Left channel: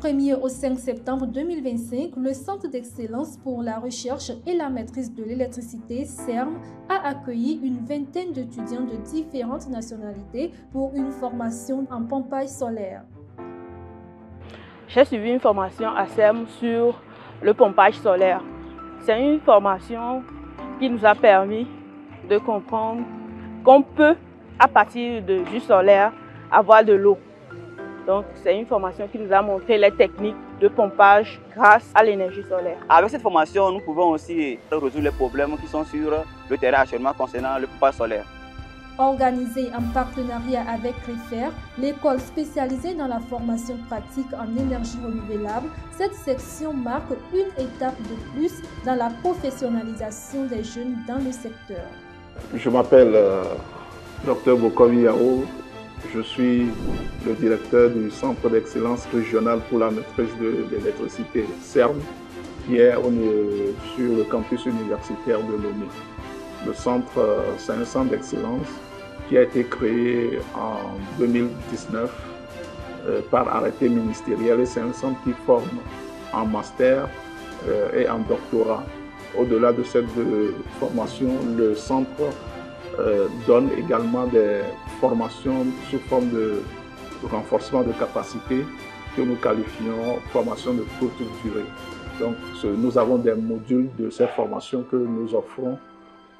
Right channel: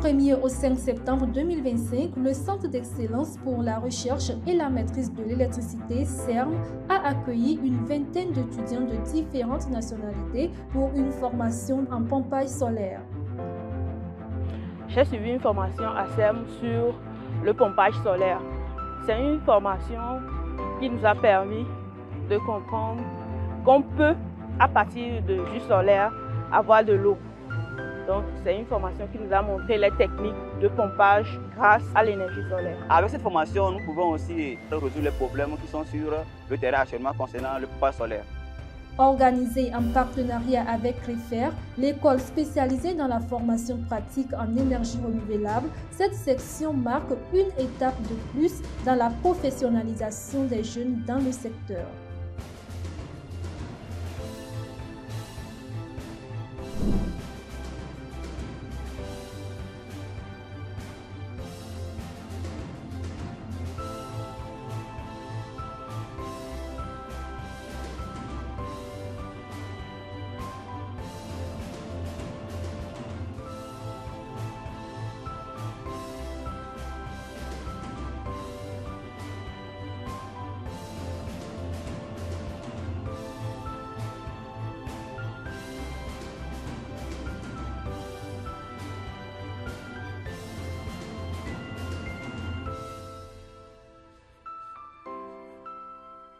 1er au 5 septembre 2025, le Centre d'excellence pour la recherche et la maîtrise de l'électricité, CERM, a accueilli une vingtaine d'étudiants de différentes nationalités pour une formation en pompage solaire. J'ai suivi une formation à CERM sur le pompage solaire. C'est une formation qui nous a permis de comprendre qu'on peut, à partir de jus solaire, avoir de l'eau. Donc, c'est une formation qui nous a montré les techniques de pompage grâce à l'énergie solaire. Avec cette formation, nous pouvons aussi résoudre les problèmes qui sont sur le terrain actuellement concernant le pompage solaire. Organisée en partenariat avec CREFER, l'école spécialisée dans la formation pratique en énergie renouvelable, cette section marque une étape de plus dans la professionnalisation des jeunes dans le secteur. Je m'appelle Dr Bokomi Yao. Je suis le directeur du Centre d'excellence régional pour la maîtrise de l'électricité, CERM, qui est sur le campus universitaire de Lomé. Le centre, c'est un centre d'excellence qui a été créé en 2019 par arrêté ministériel et c'est un centre qui forme en master et en doctorat. Au-delà de cette formation, le centre donne également des formations sous forme de renforcement de capacité que nous qualifions formation de courte durée. Donc, nous avons des modules de ces formations que nous offrons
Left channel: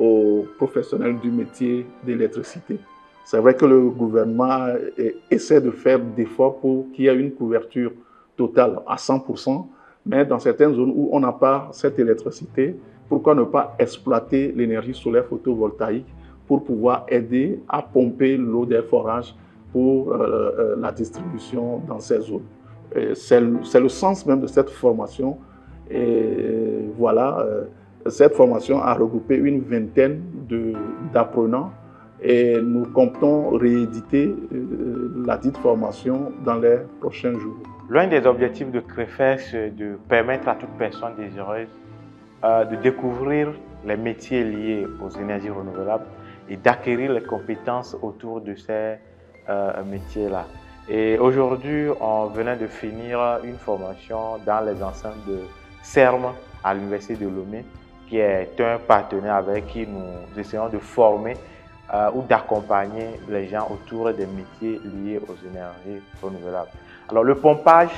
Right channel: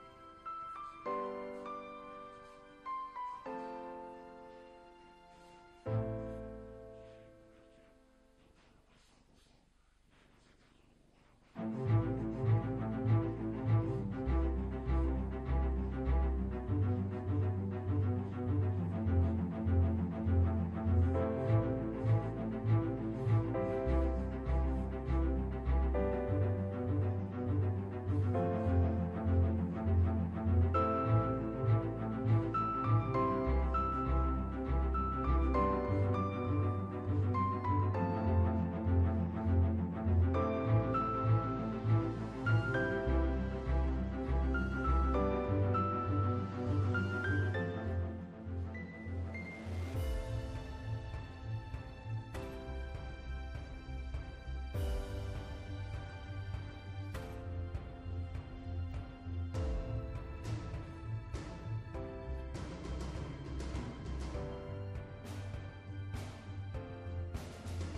aux professionnels du métier d'électricité. C'est vrai que le gouvernement essaie de faire d'efforts pour qu'il y ait une couverture totale à 100%, mais dans certaines zones où on n'a pas cette électricité, pourquoi ne pas exploiter l'énergie solaire photovoltaïque pour pouvoir aider à pomper l'eau des forages pour la distribution dans ces zones. C'est le sens même de cette formation. Et voilà, cette formation a regroupé une vingtaine d'apprenants et nous comptons rééditer la dite formation dans les prochains jours. L'un des objectifs de CREFER, c'est de permettre à toute personne désireuse de découvrir les métiers liés aux énergies renouvelables et d'acquérir les compétences autour de ces métiers-là. Et aujourd'hui, on venait de finir une formation dans les enceintes de CERM à l'Université de Lomé, qui est un partenaire avec qui nous essayons de former ou d'accompagner les gens autour des métiers liés aux énergies renouvelables. Alors le pompage,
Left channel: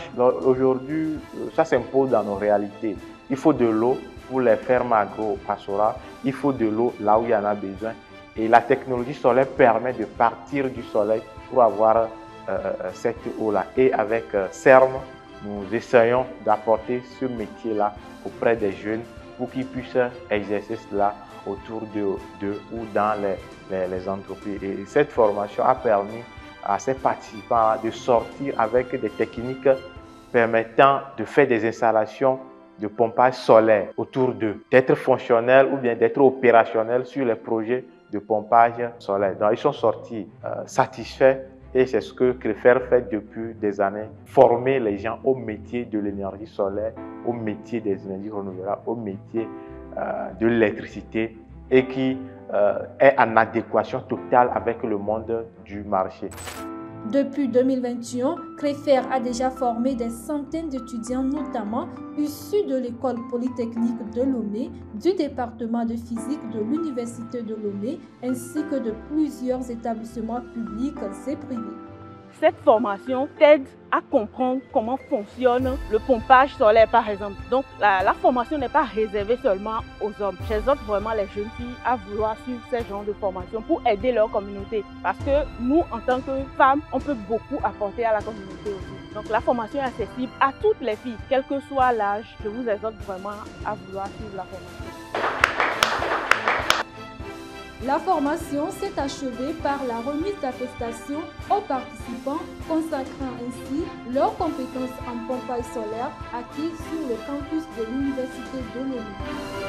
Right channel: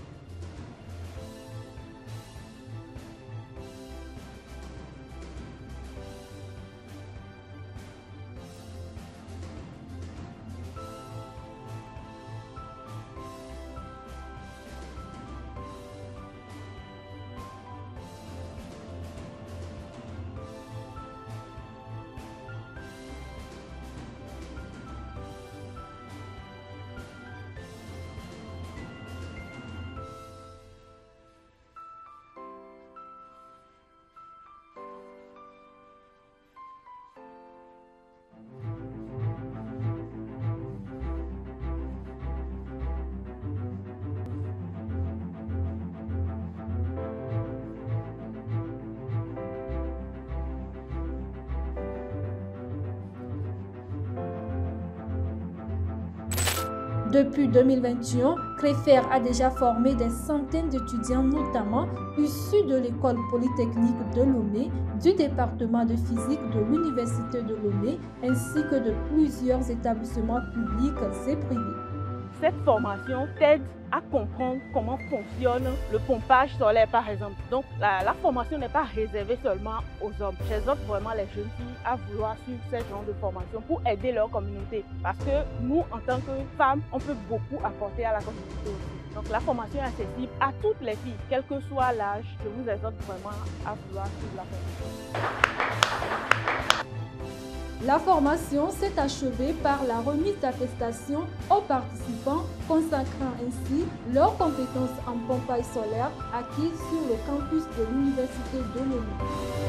aujourd'hui, ça s'impose dans nos réalités. Il faut de l'eau pour les fermes agro-pastorales, il faut de l'eau là où il y en a besoin. Et la technologie solaire permet de partir du soleil pour avoir cette eau-là. Et avec CERM, nous essayons d'apporter ce métier-là auprès des jeunes pour qu'ils puissent exercer cela autour d'eux ou dans les entreprises. Et cette formation a permis à ces participants de sortir avec des techniques permettant de faire des installations de pompage solaire autour d'eux, d'être fonctionnels ou bien d'être opérationnels sur les projets de pompage solaire. Donc, ils sont sortis satisfaits et c'est ce que CREFER fait depuis des années, former les gens au métier de l'énergie solaire, au métier des énergies renouvelables, au métier de l'électricité et qui est en adéquation totale avec le monde du marché. Depuis 2021, CREFER a déjà formé des centaines d'étudiants, notamment issus de l'école polytechnique de Lomé, du département de physique de l'Université de Lomé, ainsi que de plusieurs établissements publics et privés. Cette formation t'aide à comprendre comment fonctionne le pompage solaire, par exemple. Donc, la formation n'est pas réservée seulement aux hommes. J'exhorte vraiment les jeunes filles à vouloir suivre ce genre de formation pour aider leur communauté. Parce que nous, en tant que femmes, on peut beaucoup apporter à la communauté aussi. Donc, la formation est accessible à toutes les filles, quel que soit l'âge. Je vous exhorte vraiment à vouloir suivre la formation. La formation s'est achevée par la remise d'attestations aux participants, consacrant ainsi leurs compétences en pompage solaire acquises sur le campus de l'Université de Lomé.